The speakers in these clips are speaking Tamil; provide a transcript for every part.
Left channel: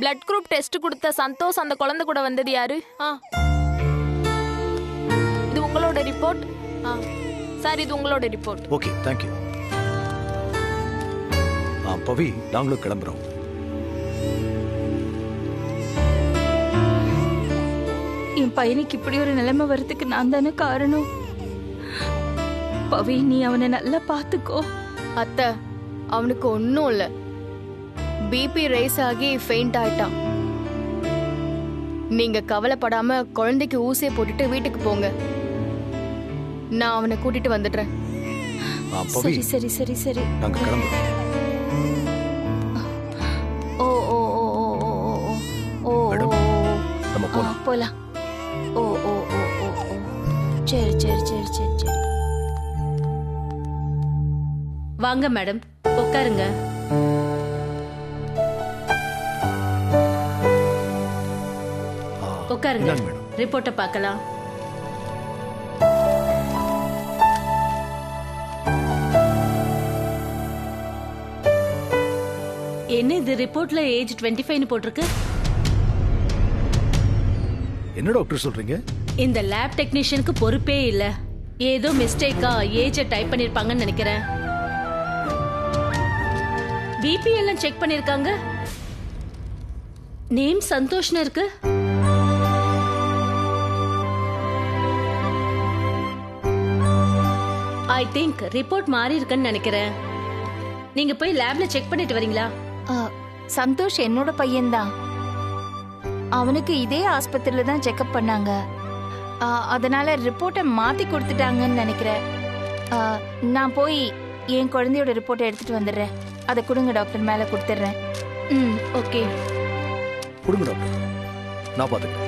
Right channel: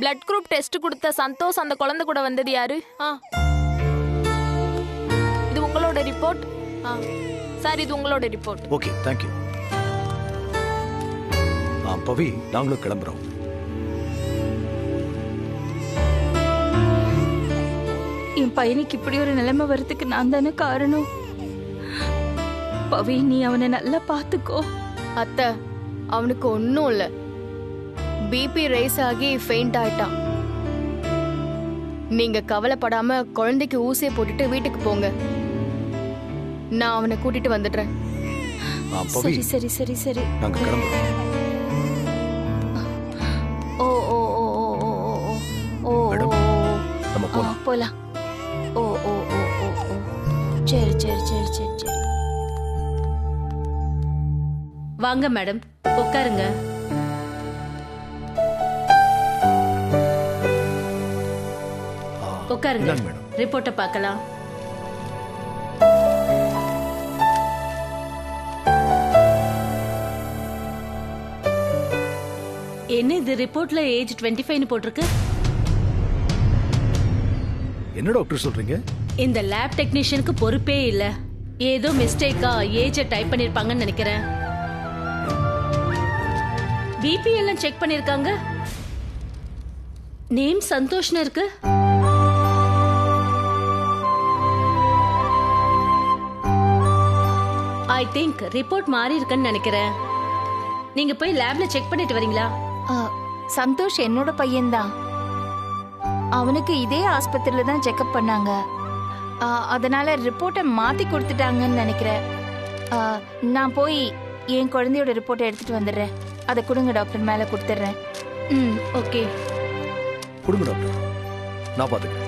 பிளட் குரூப் டெஸ்ட் கொடுத்த சந்தோஷ் அந்த குழந்தை கூட வந்தது யாரு? இது உங்களோட ரிப்போர்ட். சார், இது உங்களோட report. Okay, thank you. Pavi, நாங்களும் கிளம்புறோம். என் பையனுக்கு இப்படி ஒரு நிலைமை வரதுக்கு நான் தானே காரணம். பவி, நீ அவனை நல்லா பாத்துக்கோ. அத்தை, அவனுக்கு ஒன்னும் இல்ல. பிபி ரைஸ் ஆகி ஃபெயிண்ட் ஆயிட்டான். நீங்க கவலைப்படாம குழந்தைக்கு ஊசியை போட்டுட்டு வீட்டுக்கு போங்க. நான் அவனை கூட்டிட்டு வந்துடுறேன். சரி சரி சரி சரி, நாங்க கிளம்புறோம். ஓ ஓ ஓ ஓ ஓ ஓ மேடம், நம்ம போலாம். போலாம். ஓ ஓ ஓ ஓ ஓ, சரி சரி சரி சரி சரி. வாங்க மேடம், உட்காருங்க. உட்காருங்க, ரிப்போர்ட்டை பார்க்கலாம். என்ன இது ரிப்போர்ட்ல ஏஜ் 25 போட்டிருக்கு? என்ன டாக்டர் சொல்றீங்க? இந்த லேப் டெக்னீஷியனுக்கு பொறுப்பே இல்ல. ஏதோ மிஸ்டேக்கா ஏஜ் டைப் பண்ணிருப்பாங்கன்னு நினைக்கிறேன். பிபி எல்லாம் செக் பண்ணிருக்காங்க. நேம் சந்தோஷ்னு இருக்கு. ஐ திங்க் ரிப்போர்ட் மாறி இருக்குன்னு நினைக்கிறேன். நீங்க போய் லேப்ல செக் பண்ணிட்டு வரீங்களா? சந்தோஷ் என்னோட பையன்தான். அவனுக்கு இதே ஆஸ்பத்திரியில தான் செக்அப் பண்ணாங்க. அதனால ரிப்போர்ட்டை மாத்தி கொடுத்துட்டாங்கன்னு நினைக்கிறேன். நான் போய் என் குழந்தையோட ரிப்போர்ட்டை எடுத்துட்டு வந்துடுறேன். அதை கொடுங்க டாக்டர், மேல கொடுத்துட்றேன். ஓகே, கொடுங்க டாக்டர், நான் பாத்துக்கிறேன்.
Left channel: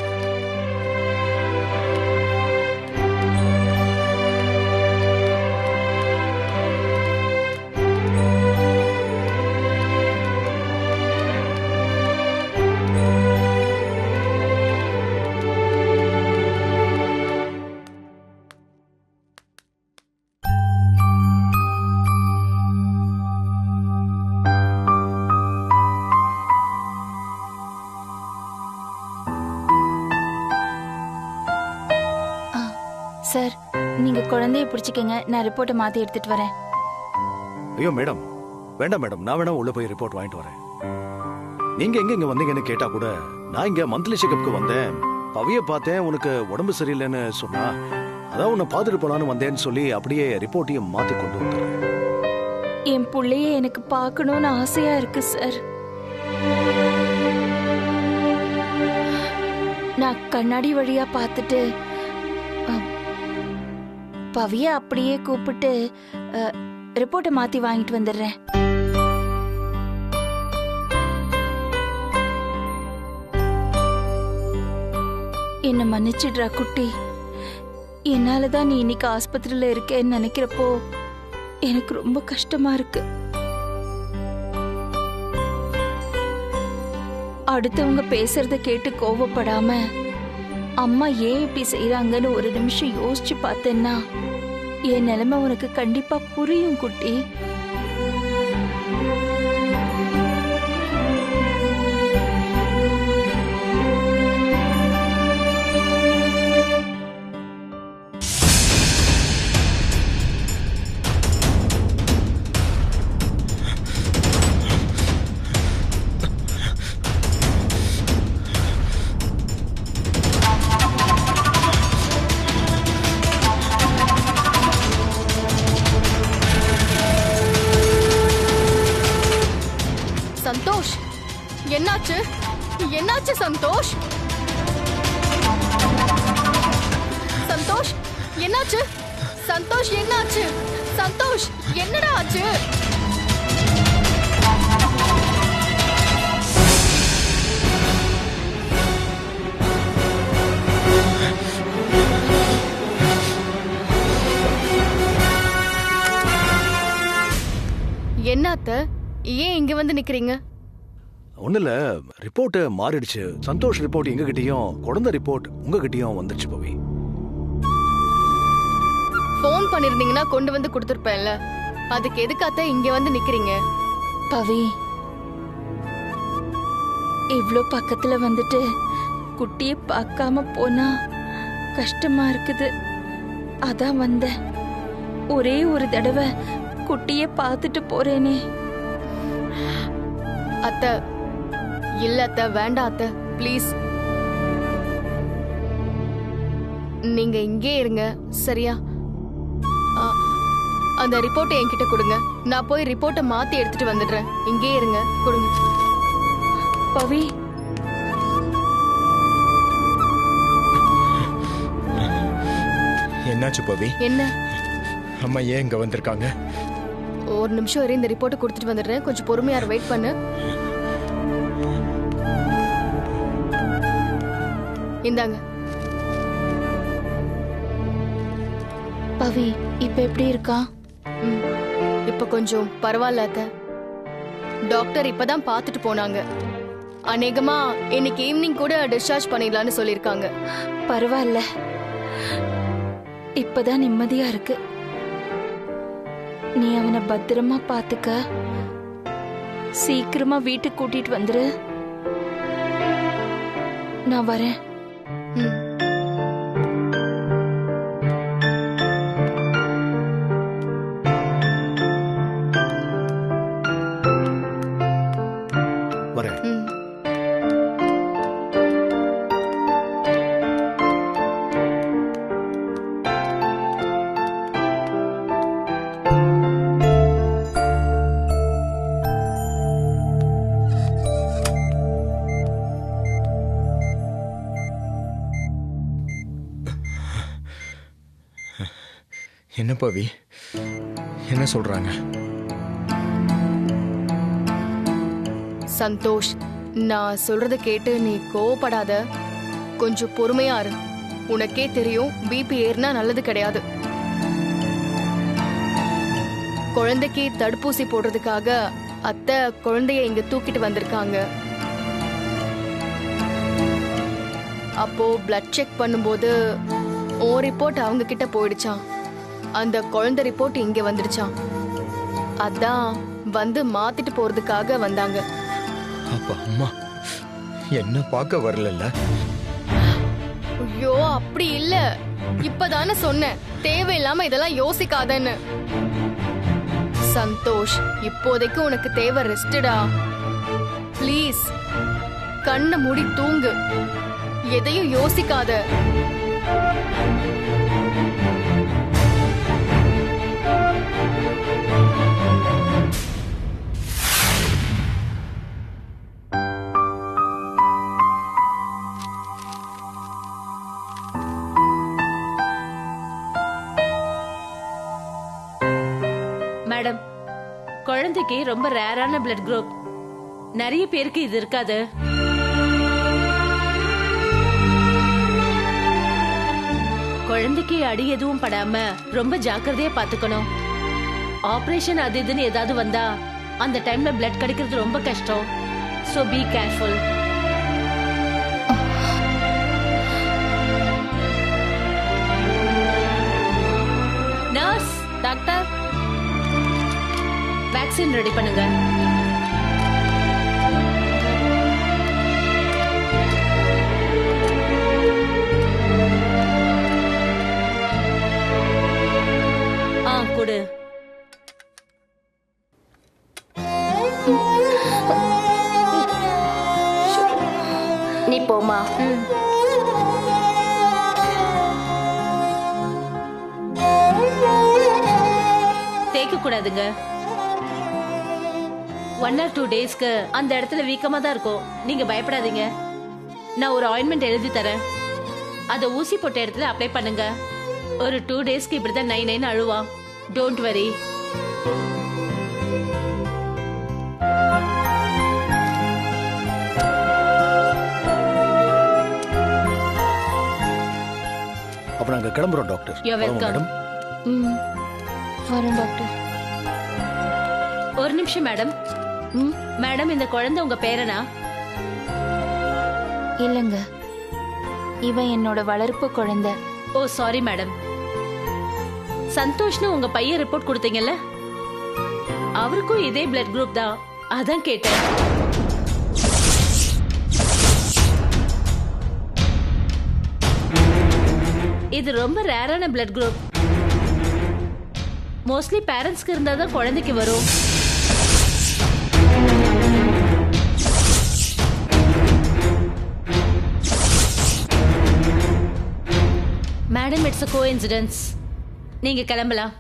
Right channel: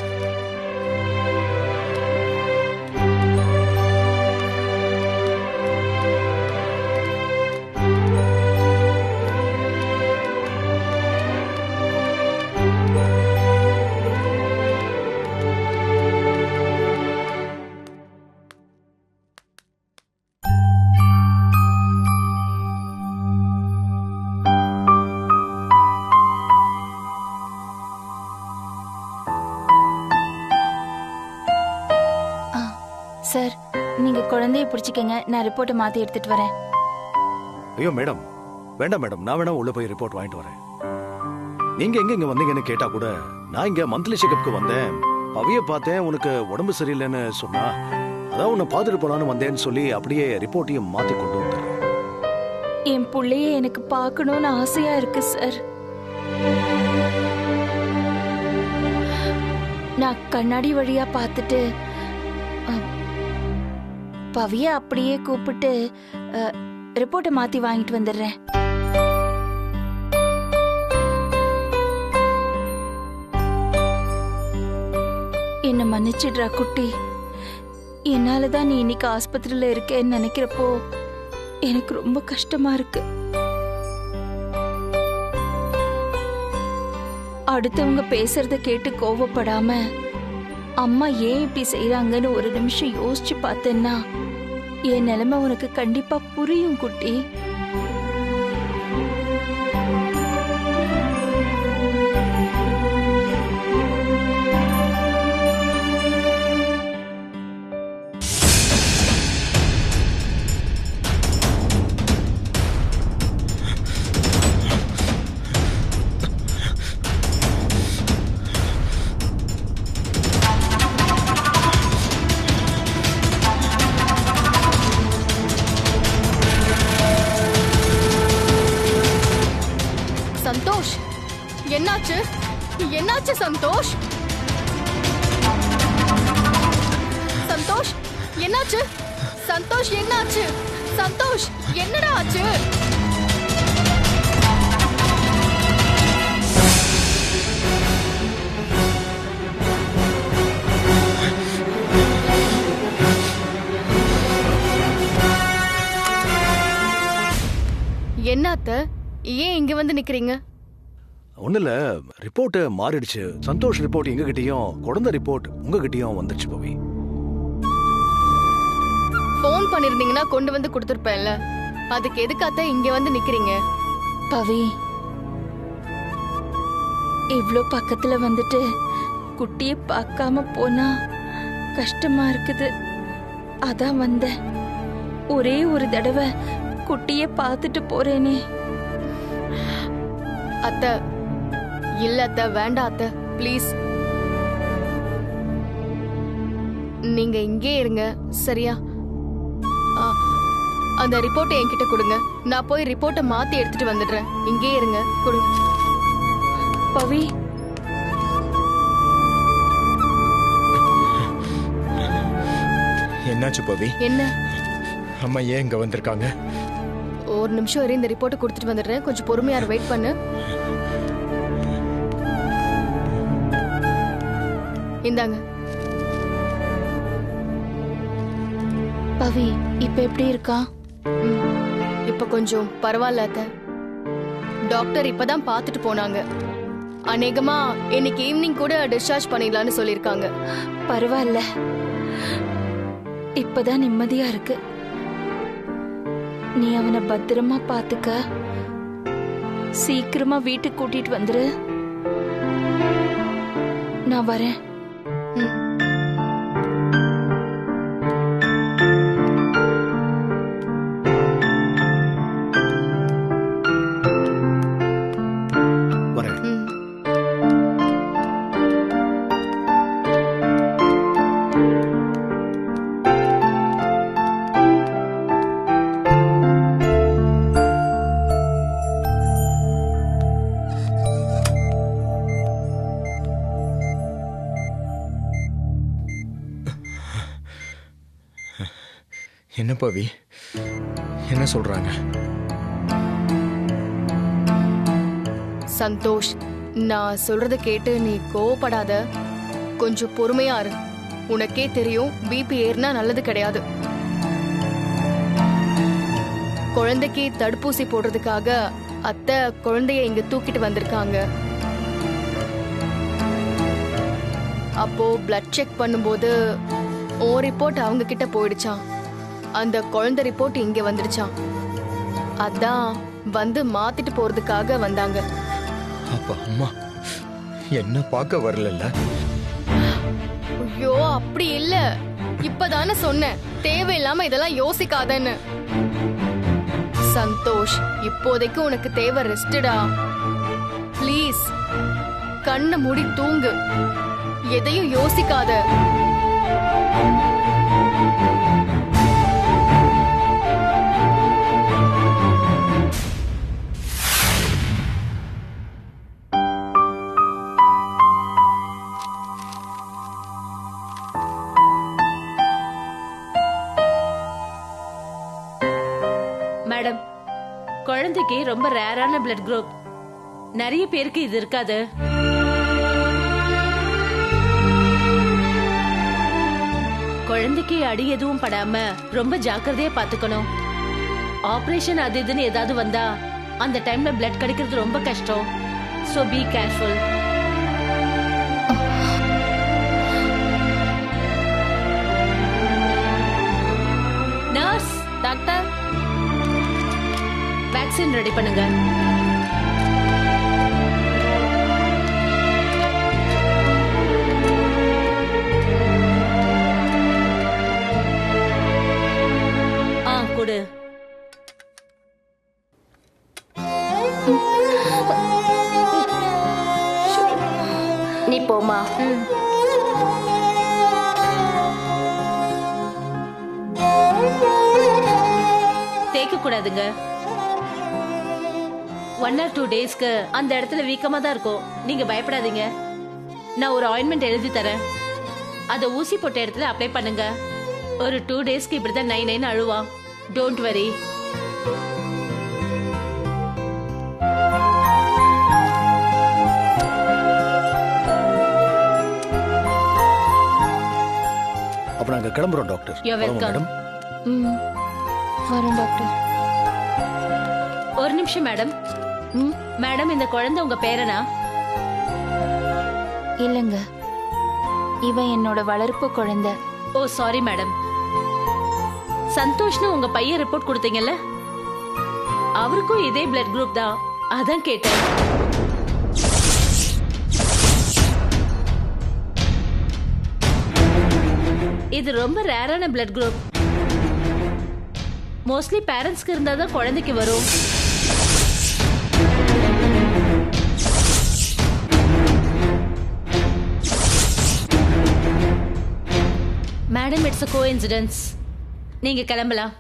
சார், நீங்க குழந்தைய பிடிச்சிக்கங்க, நான் ரிப்போர்ட்டை மாத்தி எடுத்துட்டு வரேன். ஐயோ மேடம், வேண்டாம் மேடம், நான் வேணா உள்ள போய் ரிப்போர்ட் வாங்கிட்டு வரேன். நீங்க எங்க இங்க வந்தீங்கன்னு கேட்டா கூட நான் இங்க மந்த்லி செக்அப்க்கு வந்தேன், பவிய பார்த்தேன், உனக்கு உடம்பு சரியில்லைன்னு சொன்னா அதான் உன்னை பார்த்துட்டு போலான்னு வந்தேன்னு சொல்லி அப்படியே ரிப்போர்ட்டையும் மாத்தி கொண்டு வந்துடுறேன். என் பிள்ளைய எனக்கு பார்க்கணும்னு ஆசையா இருக்கு சார். நான் கண்ணாடி வழியா பார்த்துட்டு பவிய அப்படியே கூப்பிட்டு ரிப்போர்ட்டை மாத்தி வாங்கிட்டு வந்துடுறேன். என்ன மன்னிச்சிடுறா குட்டி. என்னாலதான் நீ இன்னைக்கு ஆஸ்பத்திரியில இருக்கேன்னு நினைக்கிறப்போ எனக்கு ரொம்ப கஷ்டமா இருக்கு. அடுத்தவங்க பேசுறத கேட்டு கோவப்படாம அம்மா ஏன் இப்படி செய்யறாங்கன்னு ஒரு நிமிஷம் யோசிச்சு பார்த்தேன்னா என் நிலைமை உனக்கு கண்டிப்பா புரியும் குட்டி. சந்தோஷ், என்னாச்சு? என்னாச்சு சந்தோஷ்? சந்தோஷ், என்னாச்சு? சந்தோஷ், என்னாச்சு? சந்தோஷ், என்னடா ஆச்சு? என்னத்த, ஏன் இங்க வந்து நிக்கிறீங்க? ஒண்ணு இல்ல, ரிப்போர்ட் மாறிடுச்சு. சந்தோஷ் ரிப்போர்ட் எங்ககிட்டயும், குழந்தை ரிப்போர்ட் உங்ககிட்டயும் வந்துருச்சு பவி. போன் பண்ணிருந்தீங்கன்னா கொண்டு வந்து கொடுத்துருப்பேன்ல, அதுக்கு எதுக்காத்த இங்க வந்து நிக்கிறீங்க? பவி, இவ்ளோ பக்கத்துல வந்துட்டு குட்டிய பார்க்காம போனா கஷ்டமா இருக்குது. அதான் வந்தேன். ஒரே ஒரு தடவை குட்டிய பார்த்துட்டு போறேனே. அத்தை, இல்ல அத்தை, வேண்டாம் அத்தை, ப்ளீஸ். நீங்க இங்கே இருங்க, சரியா? அந்த ரிப்போர்ட்டை என்கிட்ட கொடுங்க. நான் போய் ரிப்போர்ட்டை மாத்தி எடுத்துட்டு வந்துடுறேன். இங்கே இருங்க, கொடுங்க. பவி, என்னாச்சு பவி? என்ன? அம்மா ஏன் இங்க வந்திருக்காங்க? ஒரு நிமிஷம் வரை இந்த ரிப்போர்ட்டை கொடுத்துட்டு வந்துடுறேன். கொஞ்சம் பொறுமையா வெயிட் பண்ணு. இந்தாங்க. பவி இப்ப எப்படி இருக்கா? இப்ப கொஞ்சம் பரவாயில்ல அத்தை. டாக்டர் இப்பதான் பார்த்துட்டு போனாங்க. அநேகமா இன்னைக்கு ஈவினிங் கூட டிஸ்சார்ஜ் பண்ணிடலாம்னு சொல்லிருக்காங்க. பரவாயில்ல, இப்பதான் நிம்மதியா இருக்கு. நீ அவனை பத்திரமா பாத்துக்க. சீக்கிரமா வீட்டுக்கு கூட்டிட்டு வந்துரு. நான் வரேன். ம். வரேன். ம். என்ன பவி, என்ன சொல்றாங்க? சந்தோஷ், நான் சொல்றத கேட்டு நீ கோவப்படாத. கொஞ்சம் பொறுமையா இரு. உனக்கே தெரியும், பிபி ஏறினா நல்லது கிடையாது. குழந்தைக்கு தடுப்பூசி போடுறதுக்காக அத்தை குழந்தைய இங்க தூக்கிட்டு வந்திருக்காங்க. அப்போ பிளட் செக் பண்ணும்போது ஓ ரிப்போர்ட் அவங்க கிட்ட போயிடுச்சான். அந்த குழந்தை ரிப்போர்ட் இங்க வந்துடுச்சான். அதான் வந்து மாத்திட்டு போறதுக்காக வந்தாங்க. அப்ப அம்மா என்ன பார்க்க வரல? ஐயோ, அப்படி இல்ல. இப்பதானே சொன்னேன், தேவையில்லாம இதெல்லாம் யோசிக்காதன்னு. சந்தோஷ், இப்போதைக்கு உனக்கு தேவை ரெஸ்டடா. ப்ளீஸ், கண்ணை மூடி தூங்கு. எதையும் யோசிக்காத. மேடம், குழந்தைக்கு ரொம்ப ரேரான பிளட் குரூப். நிறைய பேருக்கு இது இருக்காது. குழந்தைக்கு அடி எதுவும் படாம ரொம்ப ஜாக்கிரதையா பாத்துக்கணும். ஆபரேஷன் அது இதுன்னு ஏதாவது வந்தா அந்த டைம்ல பிளட் கிடைக்கிறது ரொம்ப கஷ்டம். So be careful. Nurse, doctor, vaccine ready பண்ணுங்க. கொடு. நீ போமா. தேய்க்க கூடாதுங்க. 1 or 2 டேஸ்க்கு அந்த இடத்துல வீக்கமா தான் இருக்கும். நீங்க பயப்படாதீங்க. நான் ஒரு ஆயின்மெண்ட் எழுதி தரேன். அத ஊசி போட்ட இடத்துல அப்ளை பண்ணுங்க. ஒரு 2 டேஸ்க்கு இப்படிதான் நை நைன்னு அழுவா. Don't worry. அப்ப நாங்க கிளம்புறோம் டாக்டர். You're welcome. மேடம். வரேன் டாக்டர். ஒரு நிமிஷம் மேடம். மேடம், இந்த குழந்தை உங்க பேரனா? இல்லங்க, இவன் என்னோட வளர்ப்பு குழந்தை. ஓ சாரி மேடம். சந்தோஷ்னு உங்க பையன் ரிப்போர்ட் கொடுத்தீங்கல்ல, அவருக்கும் இதே பிளட் குரூப் தான். அதான் கேட்டேன். இது ரொம்ப ரேரான பிளட் குரூப். மோஸ்ட்லி பேரண்ட்ஸ்க்கு இருந்தா தான் குழந்தைக்கு வரும். Madam, it's a coincidence. நீங்க கிளம்பலாம்.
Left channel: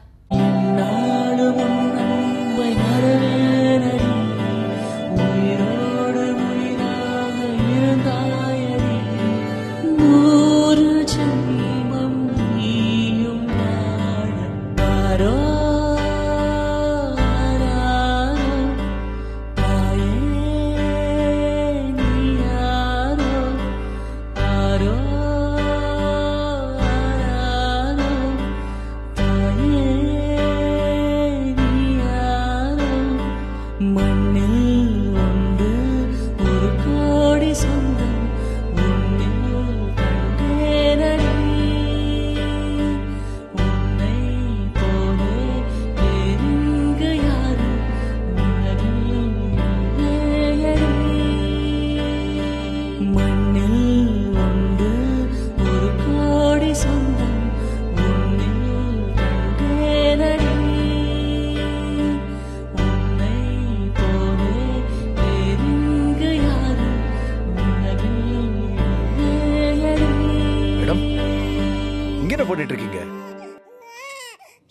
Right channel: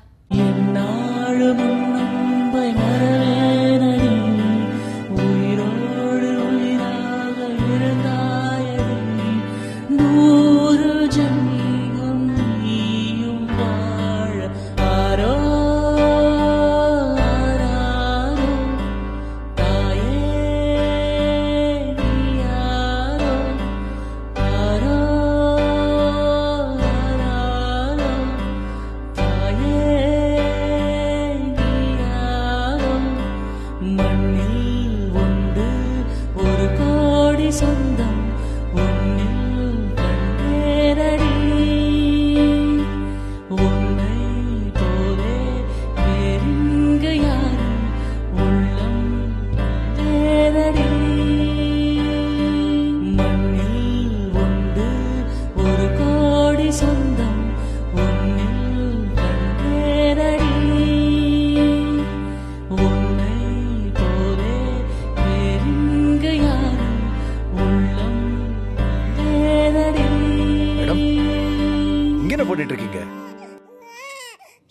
என்ன பண்ணிட்டு இருக்கீங்க?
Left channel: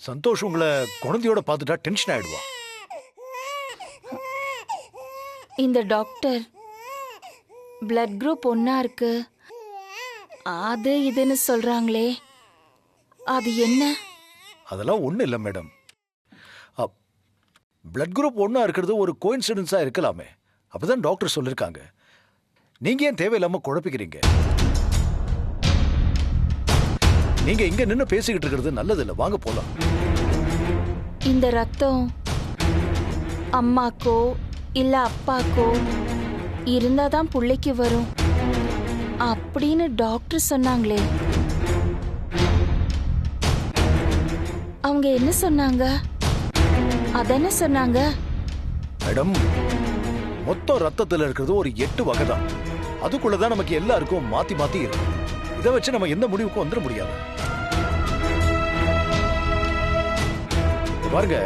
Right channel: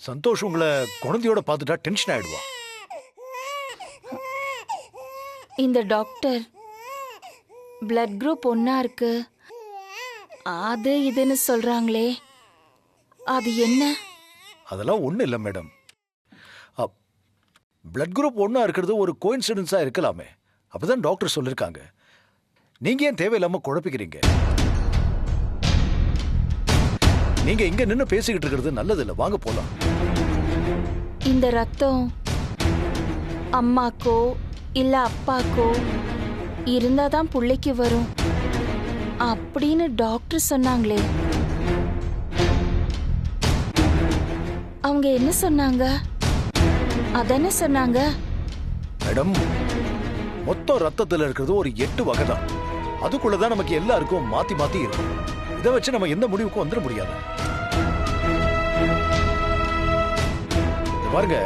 சந்தோஷ் உங்களை குழந்தையோட பார்த்துட்டா டென்ஷன் ஆயிடுவா. இந்த டாக்டர் பிளட் குரூப் ஒன்னா இருக்கு, அது இதுன்னு சொல்றாங்களே, அது என்ன? அதெல்லாம் ஒண்ணு இல்ல மேடம். பிளட் குரூப் ஒன்னா இருக்கிறது ஒரு கோயின்சிடன்ஸா இருக்கலாமே, அப்பதான் டாக்டர் சொல்லிருக்காங்க. நீங்க ஏன் தேவையில்லாம குழப்பிக்கிறீங்க? நீங்க இங்க நின்னு பேசிக்கிட்டு இருக்கிறது நல்லது இல்ல, வாங்க போலாம். இந்த ரத்தம் அம்மாக்கோ இல்ல அப்பாக்கோ இருந்தாதான் புள்ளைக்கு வரும் அப்படின்னு டாக்டர் சொன்னாங்களே, அவங்க என்ன சொன்னாங்க? அதென்ன சொன்னாங்க? மேடம், மொத்தம் ரத்தத்துல இருக்கிறது ஒரு 8 வகை தான். அதுக்குள்ளதான் நமக்கு எல்லாருக்கும் மாத்தி மாத்தி இருக்கும். இதை வச்சு நம்ம எந்த முடிவுக்கும் வந்துட முடியாது. பாருங்க,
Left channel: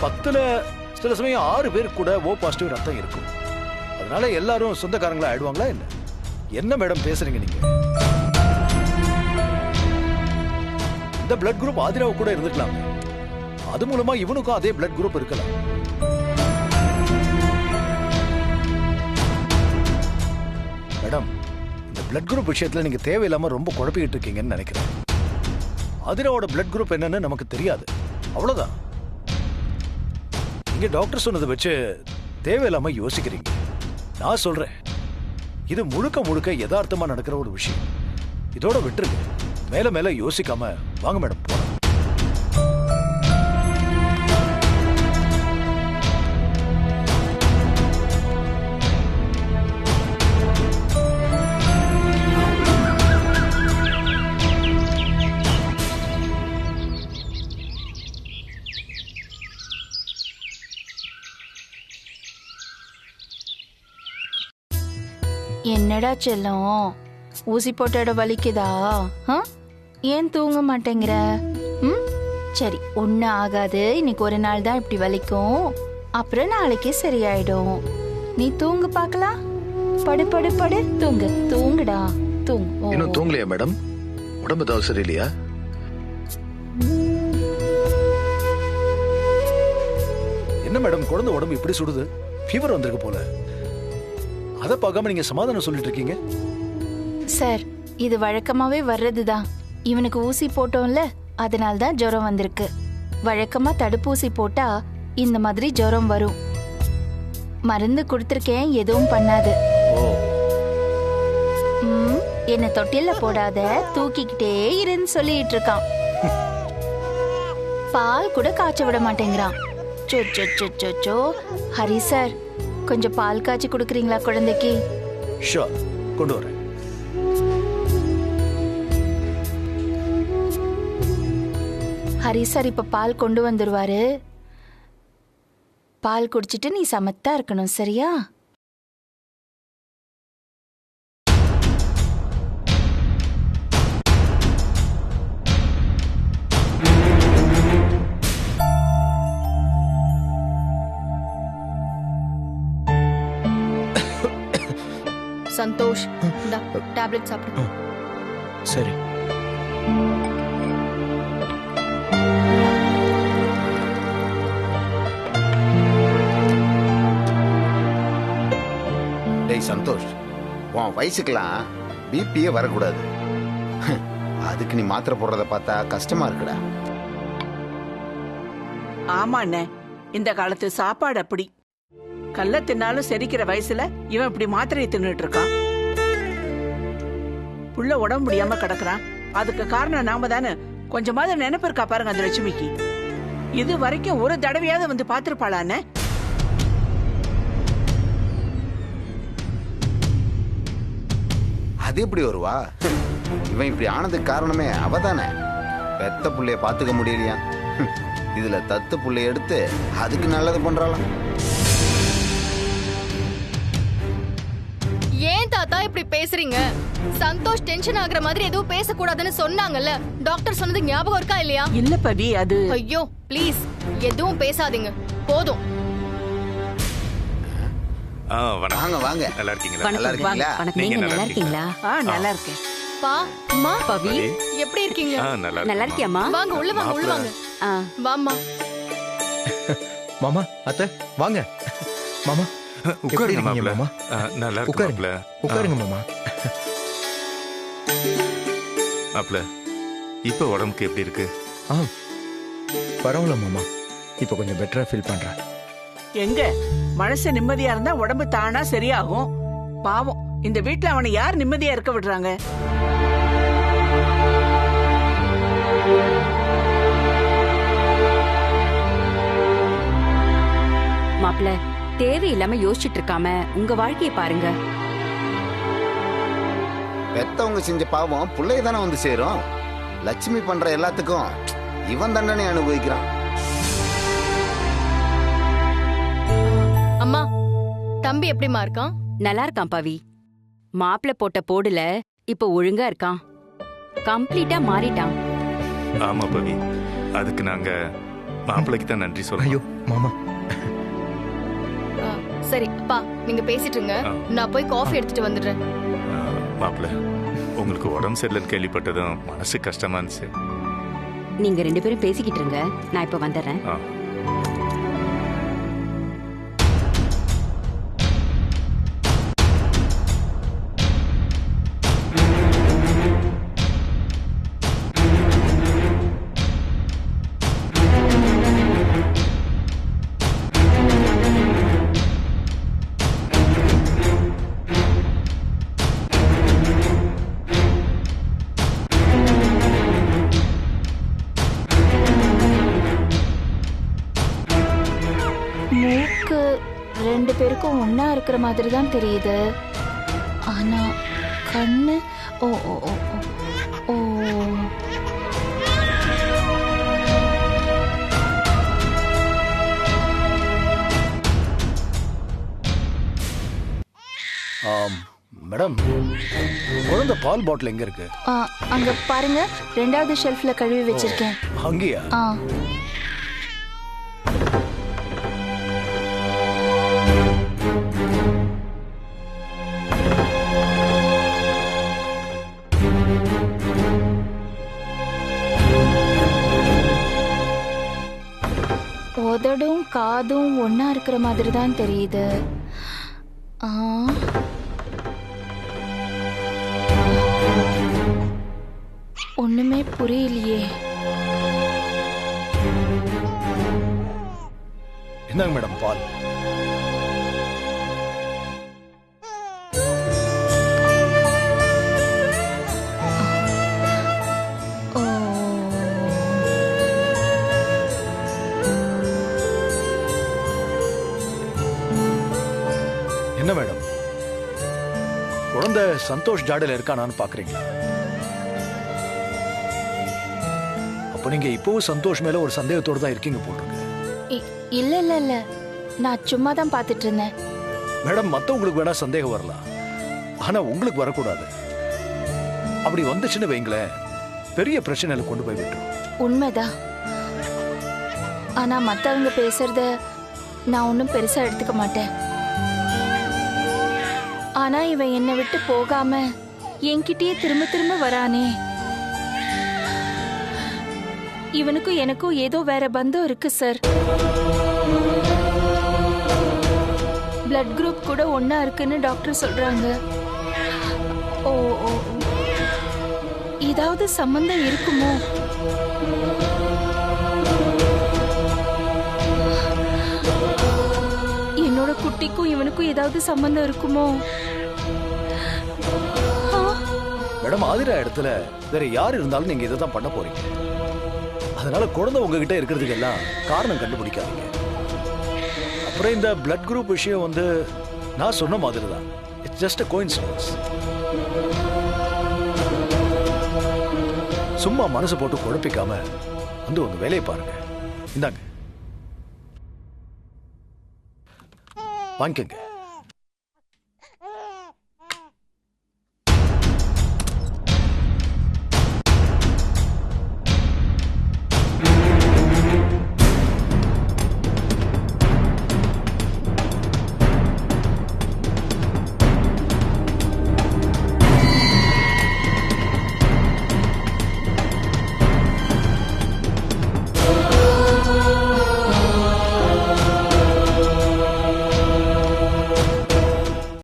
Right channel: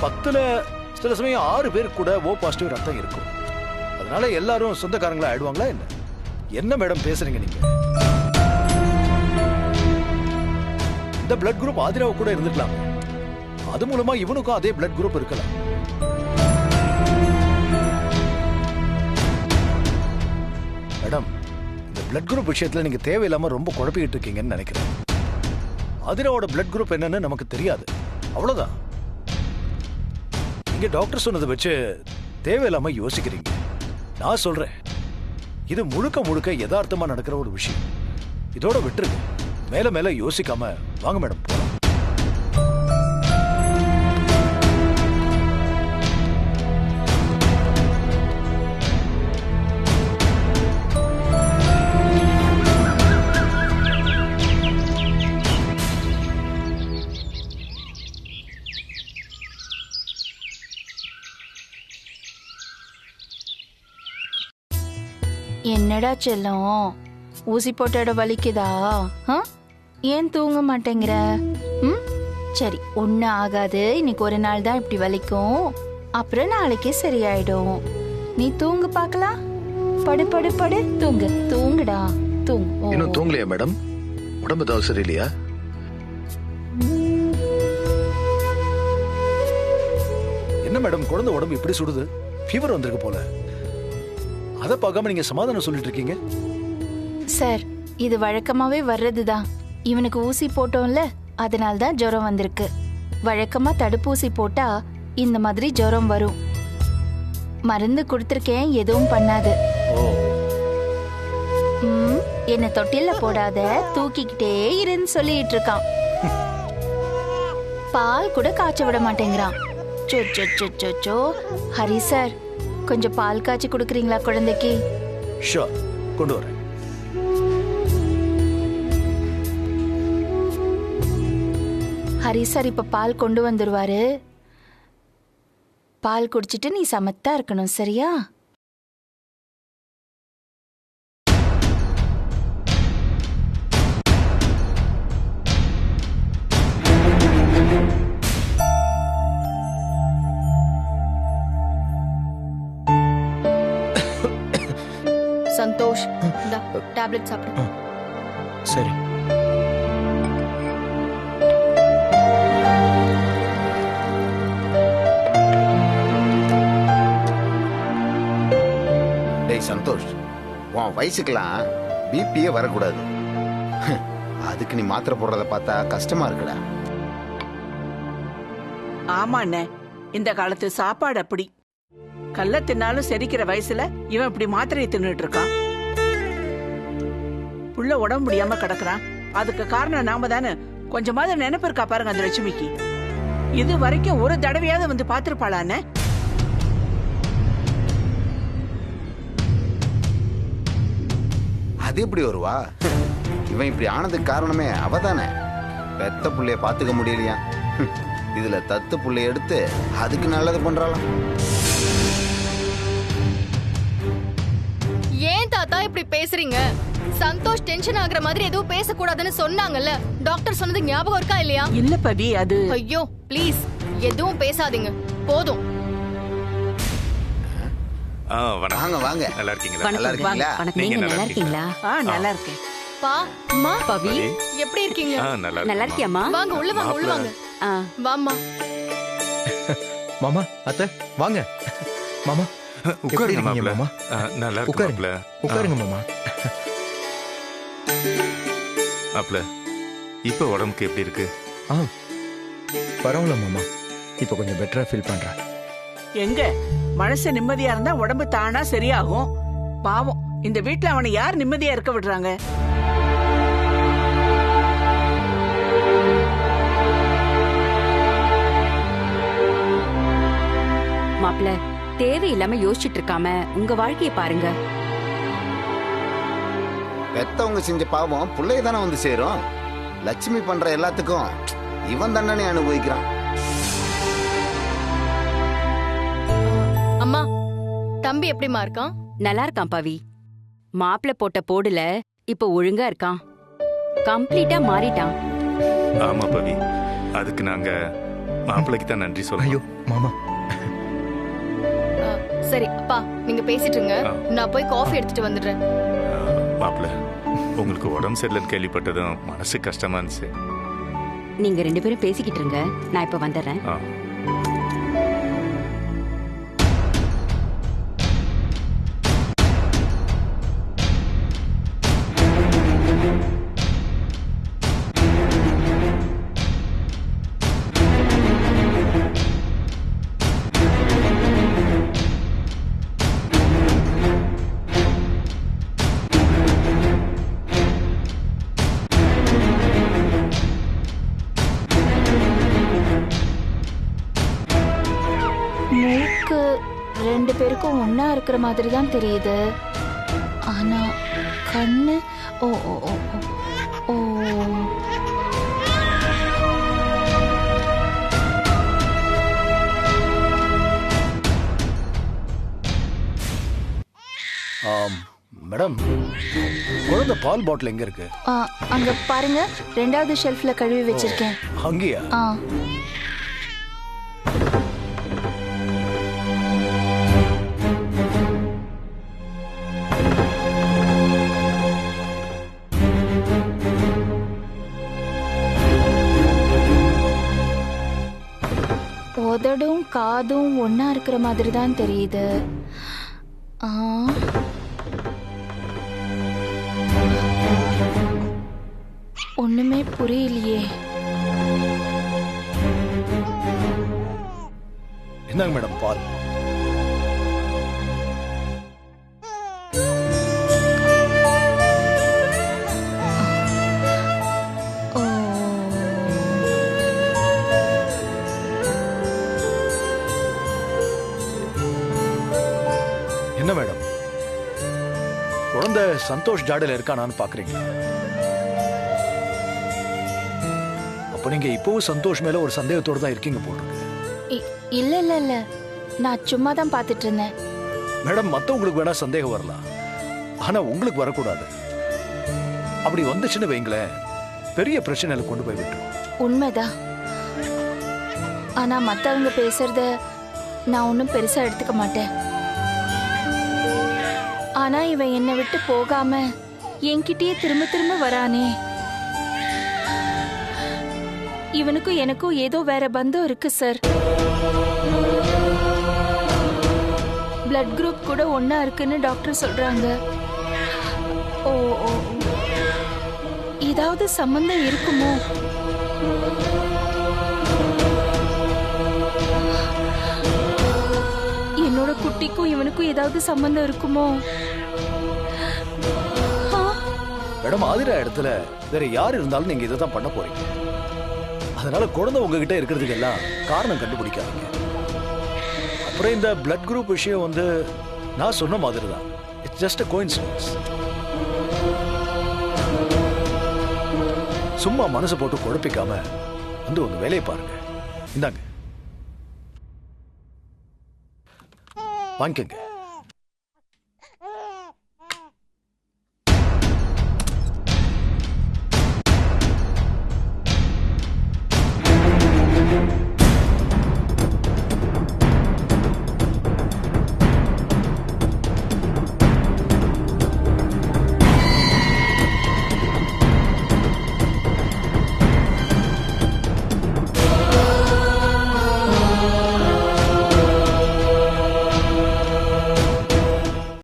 10ல சில சமயம் 6 பேருக்கு கூட O பாசிட்டிவ் ரத்தம் இருக்கும். அதனால எல்லாரும் சொந்தக்காரங்களா ஆயிடுவாங்களா என்ன? என்ன மேடம் பேசுறீங்க நீங்க? இந்த பிளட் குரூப் ஆதிராவு கூட இருந்துக்கலாம். அது மூலமா இவனுக்கும் அதே பிளட் குரூப் இருக்கலாம். மேடம், இந்த பிளட் குரூப் விஷயத்துல நீங்க தேவையில்லாம ரொம்ப குழப்பிக்கிட்டு இருக்கீங்கன்னு நினைக்கிறேன். ஆதிராவோட பிளட் குரூப் என்னன்னு நமக்கு தெரியாது, அவ்வளவுதான். நீங்க டாக்டர் சொன்னதை வச்சு தேவையில்லாம யோசிக்கிறீங்க. நான் சொல்றேன், இது முழுக்க முழுக்க யதார்த்தமா நடக்கிற ஒரு விஷயம். இதோட விட்டுருங்க, மேல மேல யோசிக்காம வாங்க மேடம் போலாம். என்னடா செல்லம், ஊசி போட்ட இடம் வலிக்குதா? ஏன் தூங்க மாட்டேங்கிற? சரி, ஒன்னும் ஆகாது. இன்னைக்கு ஒரு நாள் தான் இப்படி வலிக்கும், அப்புறம் நாளைக்கே சரியாயிடும். நீ தூங்கு பார்க்கலாம். படு படு படு, தூங்கு. தூங்குடா, தூங்கு. இன்னும் தூங்கலையா மேடம்? உடம்பு ஏதாவது சரியில்லையா? என்ன மேடம், குழந்தை உடம்பு இப்படி சுடுது? ஃபீவர் வந்திருக்கு போல. அதை பார்க்காம நீங்க சமாதானம் சொல்லிட்டு இருக்கீங்க. சார், இது வழக்கமாவே வர்றதுதான். இவனுக்கு ஊசி போட்டோம்ல, அதனால்தான் ஜுரம் வந்திருக்கு. வழக்கமா தடுப்பூசி போட்டா இந்த மாதிரி ஜுரம் வரும். மருந்து கொடுத்திருக்கேன், எதுவும் பண்ணாது. என்ன தொட்டில போடாத, தூக்கிக்கிட்டே இருன்னு சொல்லிட்டு இருக்கான். பால் கூட காய்ச்ச விட மாட்டேங்கிறான். சோ ஹரி சார், கொஞ்சம் பால் காய்ச்சி கொடுக்குறீங்களா குழந்தைக்கு? ஷூர், கொண்டு வரேன். ஹரி சார் இப்ப பால் கொண்டு வந்துருவாரு. பால் குடிச்சிட்டு நீ சமத்தா இருக்கணும், சரியா? சந்தோஷ் இந்த டேப்லெட் சாப்பிடு. சரி. டேய் சந்தோஷ், உன் வயசுக்கெல்லாம் பிபியே வரக்கூடாது. அதுக்கு நீ மாத்திரை போடுறத பார்த்தா கஷ்டமா இருக்குடா. ஆமா அண்ணே, இந்த காலத்து சாப்பாடு அப்படி. கல்ல தின்னாலும் செரிக்கிற வயசுல இவன் இப்படி மாத்திரையை தின்னுட்டு இருக்கான். புள்ள உடம்பு முடியாம கிடக்குறான். அதுக்கு காரணம் நாம தானே. கொஞ்சமாவது நினைப்பு இருக்கா பாருங்க அந்த லட்சுமிக்கு. இது வரைக்கும் ஒரு தடவையாவது வந்து பாத்துருப்பாளான்னு. அது எப்படி வருவா? இவன் இப்படி ஆனதுக்கு காரணமே அவதானே. பெத்த புள்ளைய பாத்துக்க முடியலையா? இதுல தத்து புள்ளைய எடுத்து அதுக்கு நல்லது பண்றாளாம். ஏன் தாத்தா இப்படி பேசுறீங்க? சந்தோஷ் டென்ஷன் ஆகுற மாதிரி எதுவும் பேசக்கூடாதுன்னு சொன்னாங்கல்ல. டாக்டர் சொன்னது ஞாபகம் இருக்கா இல்லையா? இல்ல பவி, அது ஐயோ ப்ளீஸ் எதுவும் பேசாதீங்க, போதும். வாங்க வாங்க. நல்லா இருக்கீங்களா? நல்லா இருக்கீங்களா? நீங்க நல்லா இருக்கீங்களா? நல்லா இருக்கேன். பா அம்மா பவி எப்படி இருக்கீங்க? நல்லா இருக்கியாமா? வாங்க உள்ள வாங்க, உள்ள வாங்க. வாம்மா. மாமா, அத்தை வாங்க. மாமா உட்காருங்க மாப்ள. மாமா. நல்லா இருக்கு மாப்ள. உட்காருங்க மாமா. மாப்ள, இப்ப உடம்புக்கு எப்படி இருக்கு? பரவாயில்ல மாமா, இப்ப கொஞ்சம் பெட்டரா ஃபீல் பண்றேன். எங்க மனசு நிம்மதியா இருந்தா உடம்பு தானா சரியாகும். பாவம், இந்த வீட்டுல அவனை யார் நிம்மதியா இருக்க விடுறாங்க? மாப்பிள்ள, தேவையில்லாம யோசிச்சுட்டு இருக்காம உங்க வாழ்க்கையை பாருங்க. பெத்தவங்க செஞ்ச பாவம் புள்ளைய தானே வந்து சேரும். லட்சுமி பண்ற எல்லாத்துக்கும் இவன் தண்டனை அனுபவிக்கிறான். அம்மா, தம்பி எப்படிமா இருக்கான்? நல்லா இருக்கான் பவி. மாப்பிள்ள போட்ட போடுல இப்ப ஒழுங்கா இருக்கான். கம்ப்ளீட்டா மாறிட்டான். ஆமா பவி, அதுக்கு நாங்க மாப்பிள்ளைக்கு தான் நன்றி சொல்றோம். ஐயோ மாமா. சரி அப்பா, நீங்க பேசிட்டு இருங்க, நான் போய் காஃபி எடுத்துட்டு வந்துடுறேன். மாப்பிள்ள, உங்களுக்கு உடம்பு சரியில்லைன்னு கேள்விப்பட்டதும் மனசு கஷ்டமா இருந்துச்சு. நீங்க 2 பேரும் பேசிக்கிட்டு இருங்க, நான் இப்ப வந்துடுறேன். மூக்கு 2 பேருக்கும் ஒன்னா இருக்கிற மாதிரி தான் தெரியுது. ஆனா கண்ணு ஓ ஓ ஓ ஓ மேடம், குழந்தை பால் பாட்டில் எங்க இருக்கு? அங்க பாருங்க, 2வது ஷெல்ஃப்ல கழுவி வச்சிருக்கேன். அங்கேயா? உதடும் காதும் ஒன்னா இருக்கிற மாதிரி தான் தெரியுது. ஒண்ணுமே புரியலையே. என்னங்க மேடம் பால்? என்ன மேடம், குழந்தை சந்தோஷ் ஜாடையில இருக்கானான்னு பாக்குறீங்களா? அப்ப நீங்க இப்பவும் சந்தோஷ் மேல ஒரு சந்தேகத்தோட தான் இருக்கீங்க போட்டிருக்கு. இல்ல இல்ல இல்ல, நான் சும்மா தான் பாத்துட்டு இருந்தேன். மேடம், மத்தவங்களுக்கு வேணா சந்தேகம் வரலாம், ஆனா உங்களுக்கு வரக்கூடாது. அப்படி வந்துச்சுன்னு வைங்களேன், பெரிய பிரச்சனையில கொண்டு போய் விட்டுரும். உண்மைதான். ஆனா மத்தவங்க பேசுறத நான் ஒன்னும் பெருசா எடுத்துக்க மாட்டேன். ஆனா இவன் என்னை விட்டு போகாம என்கிட்டயே திரும்ப திரும்ப வரானே. இவனுக்கும் எனக்கும் ஏதோ வேற பந்தம் இருக்கு சார். பிளட் குரூப் கூட ஒன்னா இருக்குன்னு டாக்டர் சொல்றாங்க. ஓ ஓ ஓ. ஏதாவது சம்பந்தம் இருக்குமோ? என்னோட குட்டிக்கும் இவனுக்கும் ஏதாவது சம்பந்தம் இருக்குமோ? மேடம், ஆதிரா இடத்துல வேற யார் இருந்தாலும் நீங்க இதை தான் பண்ண போறீங்க. அதனால குழந்தை உங்ககிட்ட இருக்கிறதுக்கு எல்லாம் காரணம் கண்டுபிடிக்காதீங்க. அப்புறம் இந்த பிளட் குரூப் விஷயம் வந்து நான் சொன்ன மாதிரி தான். It's just a coincidence. சும்மா மனசு போட்டு குழப்பிக்காம வந்து உங்க வேலையை பாருங்க. இந்தாங்க, வாங்கிக்கங்க.